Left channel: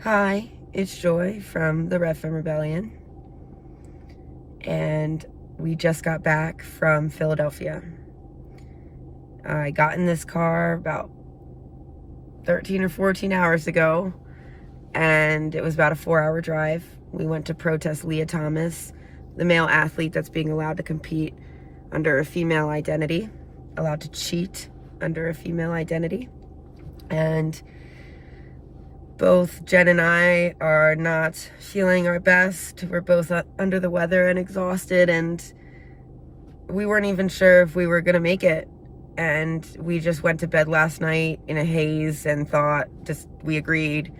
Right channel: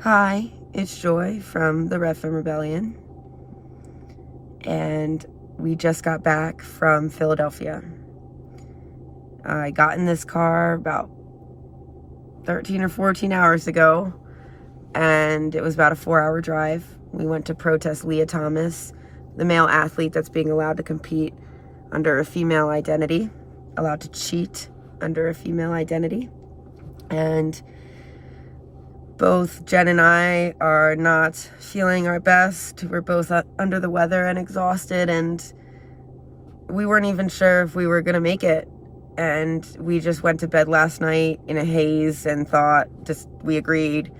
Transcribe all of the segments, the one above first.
Hi, it's Joy from the Red Phone Rebellion, and we just got back from Philadelphia. I got in this car about 13 or 14 hours ago, and it was about a 4-hour drive. We went to protest Lia Thomas, the male athlete that's being allowed to compete under a female identity, allowed to cheat under a female identity. And both Jen and I are not feeling our best. We're both under the weather and exhausted, and we weren't even sure if we were going to make it. And we just went to bed last night in a haze and we agreed,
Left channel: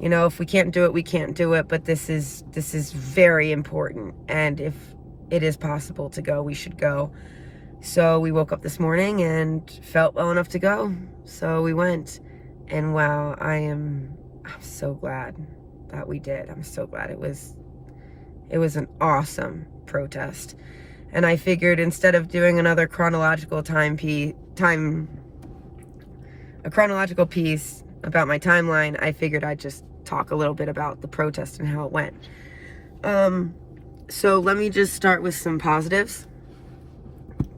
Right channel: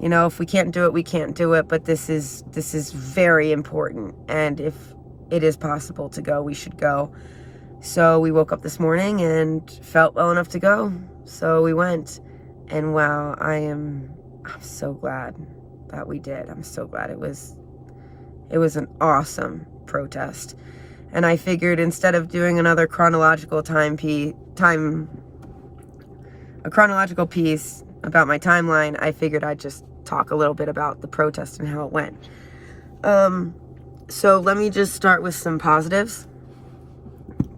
if we can't do it, we can't do it, but this is very important. And if it is possible to go, we should go. So we woke up this morning and felt well enough to go. So we went, and wow, I'm so glad that we did. I'm so glad. It was an awesome protest. And I figured instead of doing another chronological piece about my timeline, I figured I'd just talk a little bit about the protest and how it went. So let me just start with some positives.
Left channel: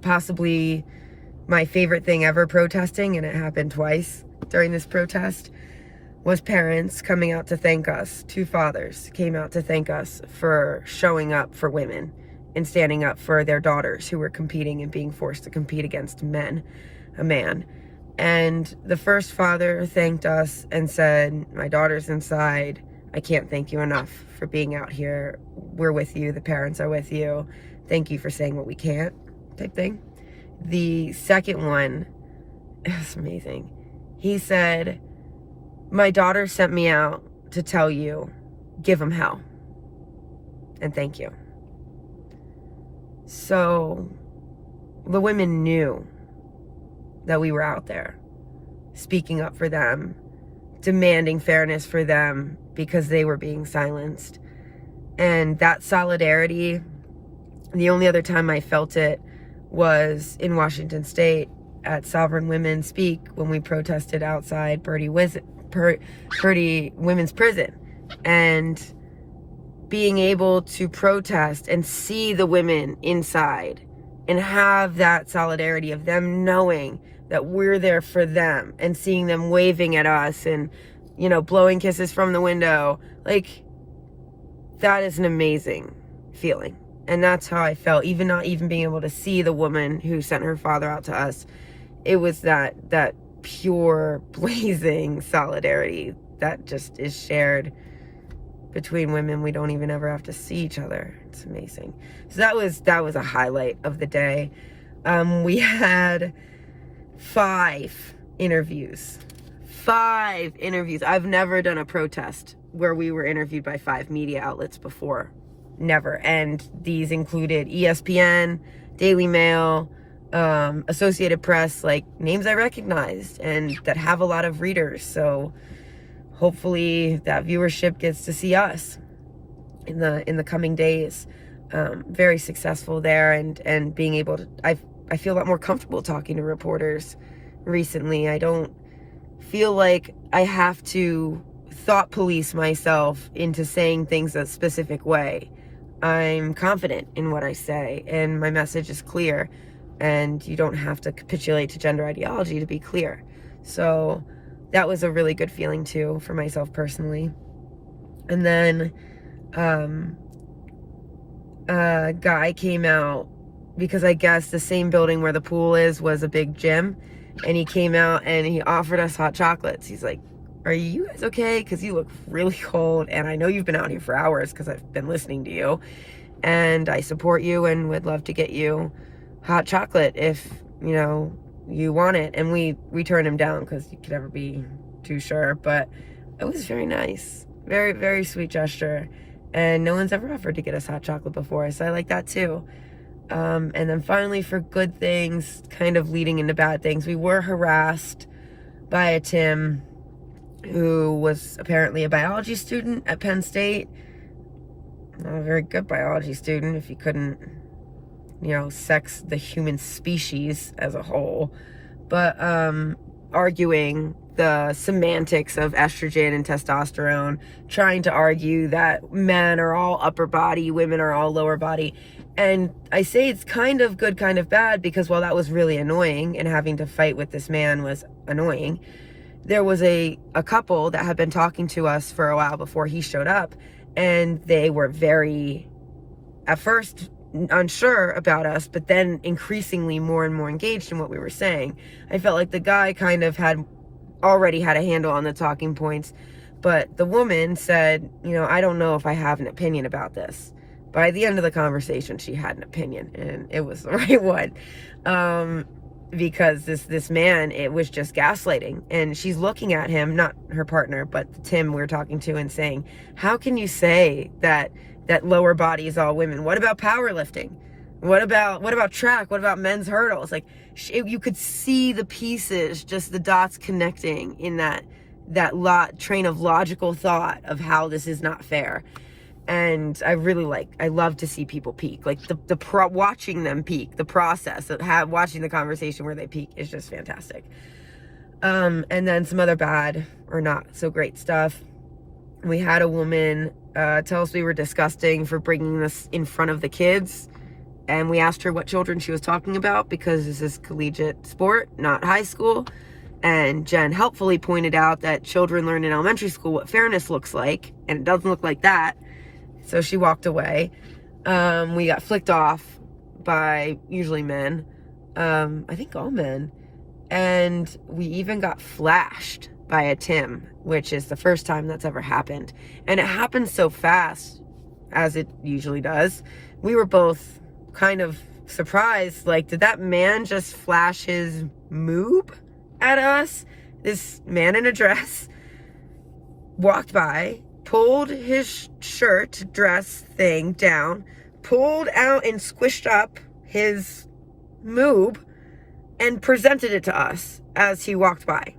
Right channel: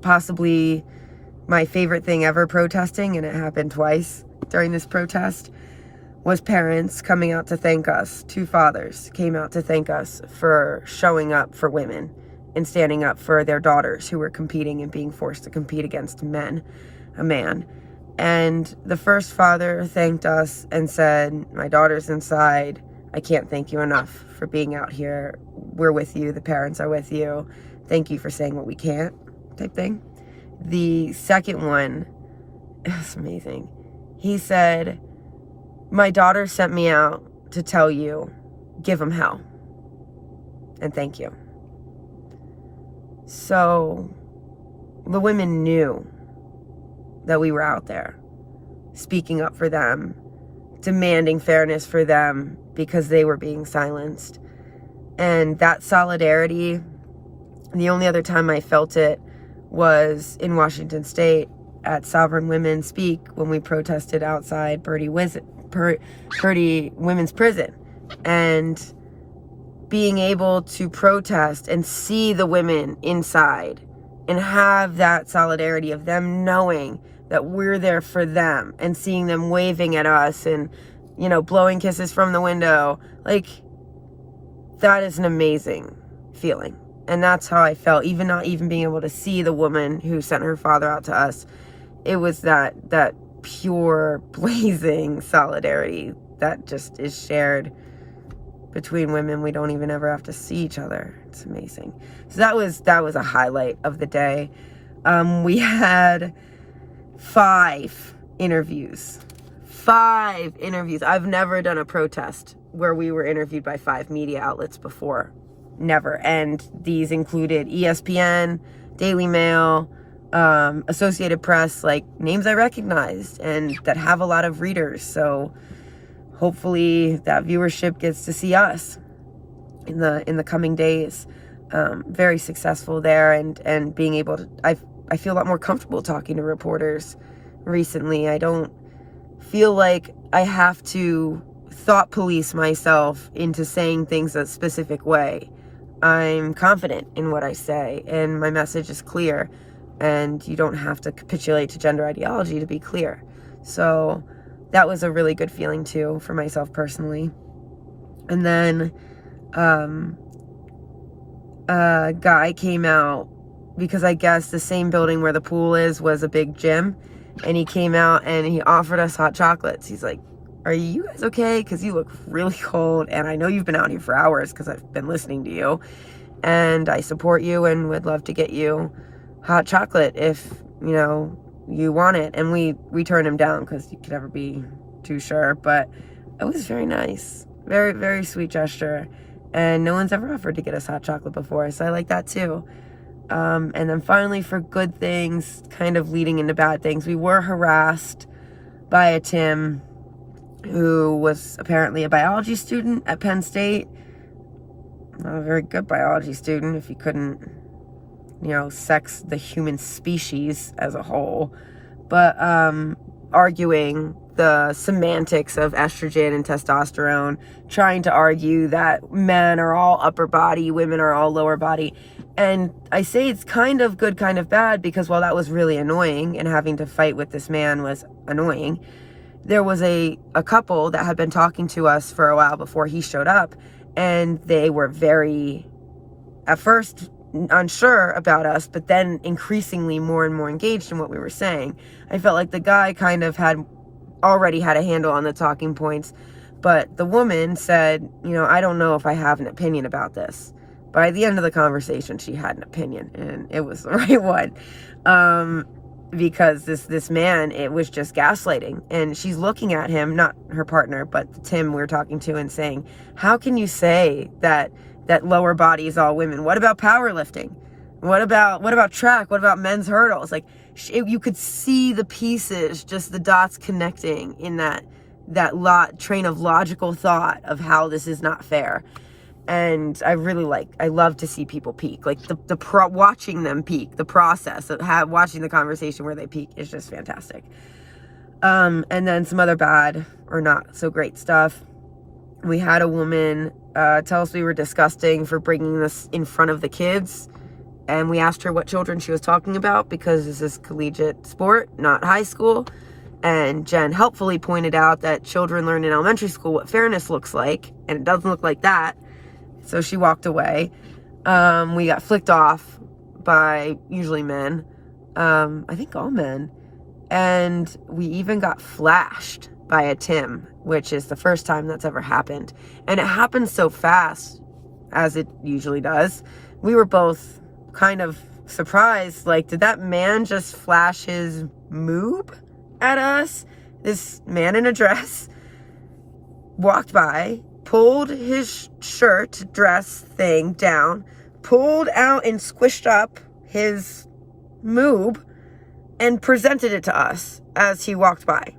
Possibly my favorite thing ever protesting, and it happened twice during this protest, was parents coming out to thank us. 2 fathers came out to thank us for showing up for women and standing up for their daughters who were competing and being forced to compete against a man. And the first father thanked us and said, "My daughter's inside. I can't thank you enough for being out here. We're with you. The parents are with you. Thank you for saying what we can't," type thing. The second one, it was amazing. He said, "My daughter sent me out to tell you, give them hell. And thank you." So the women knew that we were out there speaking up for them, demanding fairness for them because they were being silenced. And that solidarity, the only other time I felt it was in Washington State at Sovereign Women Speak when we protested outside Birdie Women's Prison. And being able to protest and see the women inside and have that solidarity of them knowing that we're there for them and seeing them waving at us and, blowing kisses from the window. Like, that is an amazing feeling. And that's how I felt, even not even being able to see the woman who sent her father out to us. It was that pure, blazing solidarity that just is shared between women. We don't even ever have to see each other. It's amazing. So that was a highlight of the day. We had 5 interviews. 5 interviews. I've never done a protest where we were interviewed by 5 media outlets before. Never. And these included ESPN, Daily Mail, Associated Press, like names I recognized and that have a lot of readers. So hopefully that viewership gets to see us in the coming days. Very successful there, and being able to, I feel a lot more comfortable talking to reporters recently. I don't feel like I have to thought police myself into saying things a specific way. I'm confident in what I say, and my message is clear, and you don't have to capitulate to gender ideology to be clear. So that was a really good feeling too for myself personally. And then a guy came out because I guess the same building where the pool is was a big gym, and he came out and he offered us hot chocolates. He's like, "Are you guys okay? Because you look really cold, and I know you've been out here for hours because I've been listening to you, and I support you and would love to get you hot chocolate if you want it." And we turned him down because you could never be too sure, but it was very nice. Very, very sweet gesture. And no one's ever offered to get us hot chocolate before, so I like that too. And then finally, for good things, kind of leading into bad things, we were harassed by a Tim who was apparently a biology student at Penn State. Not a very good biology student if he couldn't, sex the human species as a whole. But arguing the semantics of estrogen and testosterone, trying to argue that men are all upper body, women are all lower body. And I say it's kind of good, kind of bad, because while that was really annoying and having to fight with this man was annoying, there was a couple that had been talking to us for a while before he showed up, and they were very, at first, unsure about us, but then increasingly more and more engaged in what we were saying. I felt like the guy kind of already had a handle on the talking points, but the woman said, I don't know if I have an opinion about this. By the end of the conversation, she had an opinion, and it was the right one. Because this man, it was just gaslighting. And she's looking at him, not her partner, but Tim we're talking to, and saying, how can you say that lower body is all women? What about powerlifting? What about track? What about men's hurdles? Like, you could see the pieces, just the dots connecting in that train of logical thought of how this is not fair. And I love to see people peak. Like watching them peak, the process of watching the conversation where they peak is just fantastic. And then some other bad or not so great stuff. We had a woman tell us we were disgusting for bringing this in front of the kids. And we asked her what children she was talking about, because this is collegiate sport, not high school. And Jen helpfully pointed out that children learn in elementary school what fairness looks like, and it doesn't look like that. So she walked away. We got flicked off by usually men. I think all men. And we even got flashed by a Tim, which is the first time that's ever happened. And it happened so fast, as it usually does. We were both kind of surprised. Like, did that man just flash his moob at us? This man in a dress walked by, pulled his shirt, dress thing down, pulled out and squished up his moob, and presented it to us as he walked by.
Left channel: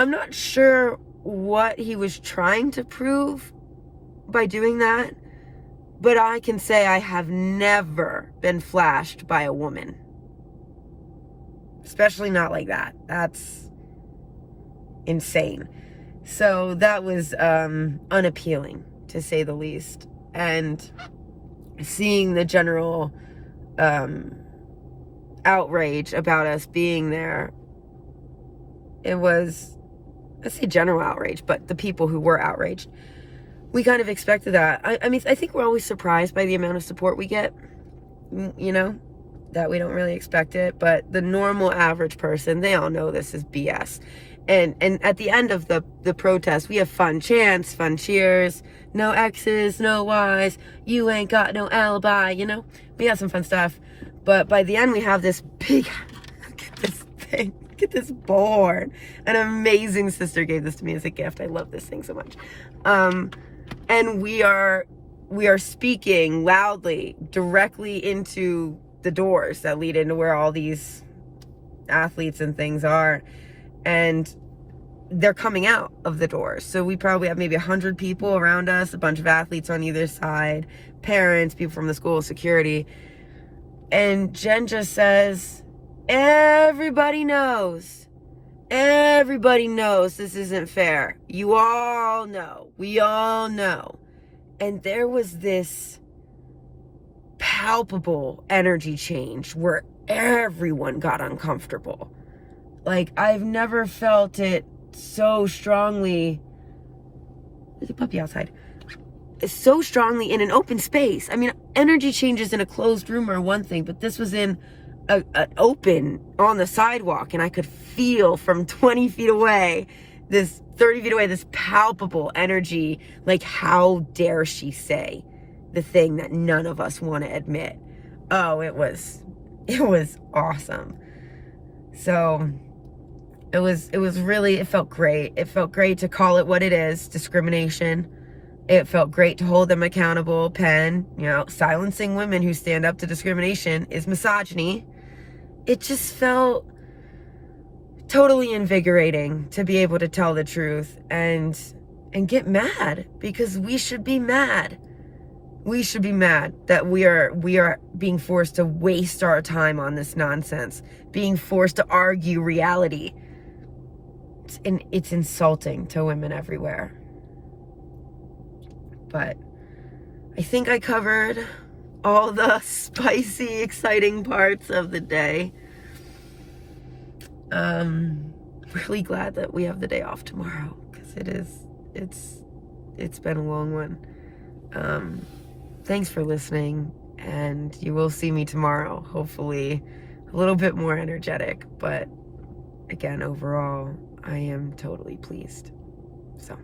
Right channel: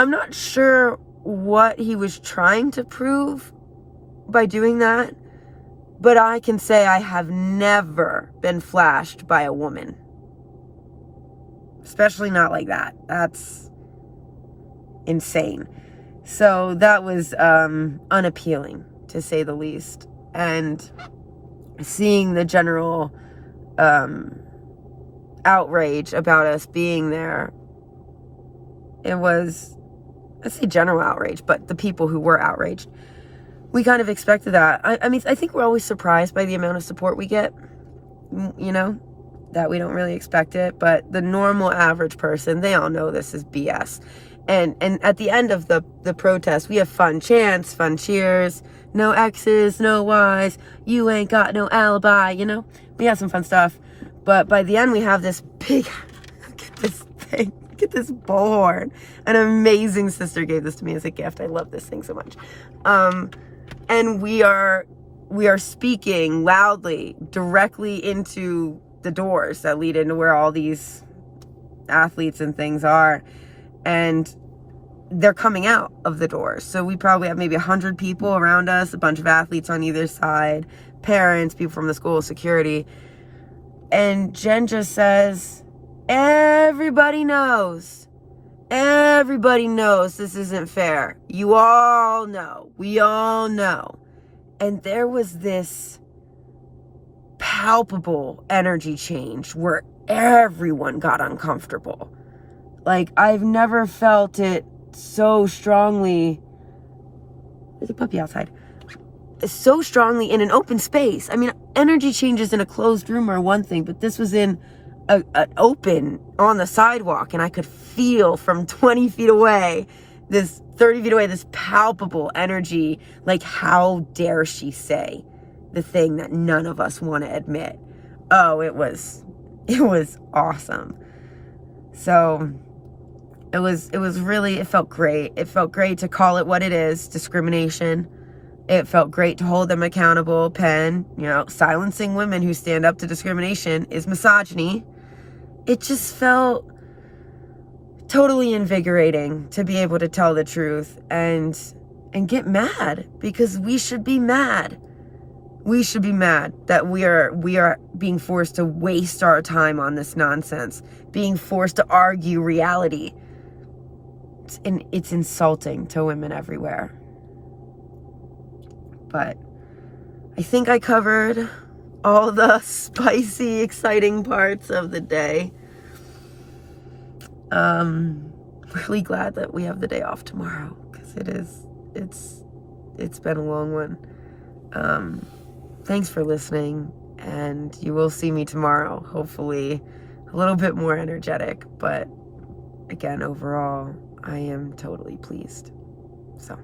I'm not sure what he was trying to prove by doing that, but I can say I have never been flashed by a woman. Especially not like that. That's insane. So that was unappealing, to say the least. And seeing the general outrage about us being there, it was, I say general outrage, but the people who were outraged, we kind of expected that. I mean, I think we're always surprised by the amount of support we get, that we don't really expect it. But the normal average person, they all know this is BS. And at the end of the protest, we have fun chants, fun cheers, no X's, no Y's, you ain't got no alibi, We have some fun stuff. But by the end, we have this big, look at this thing. Look at this bullhorn. An amazing sister gave this to me as a gift. I love this thing so much. And we are speaking loudly directly into the doors that lead into where all these athletes and things are. And they're coming out of the doors. So we probably have maybe 100 people around us, a bunch of athletes on either side, parents, people from the school, security. And Jen just says, everybody knows this isn't fair. You all know. We all know. And there was this palpable energy change where everyone got uncomfortable. Like, I've never felt it so strongly. There's a puppy outside. So strongly in an open space. I mean, energy changes in a closed room are one thing, but this was in an open on the sidewalk, and I could feel from 20 feet away, this 30 feet away, this palpable energy. Like, how dare she say the thing that none of us want to admit? Oh, it was awesome. So it felt great. It felt great to call it what it is, discrimination. It felt great to hold them accountable. Penn, silencing women who stand up to discrimination is misogyny. It just felt totally invigorating to be able to tell the truth and get mad, because we should be mad. We should be mad that we are being forced to waste our time on this nonsense, being forced to argue reality. It's insulting to women everywhere. But I think I covered all the spicy, exciting parts of the day. Really glad that we have the day off tomorrow, because it's been a long one. Thanks for listening, and you will see me tomorrow, hopefully a little bit more energetic, but again, overall, I am totally pleased. So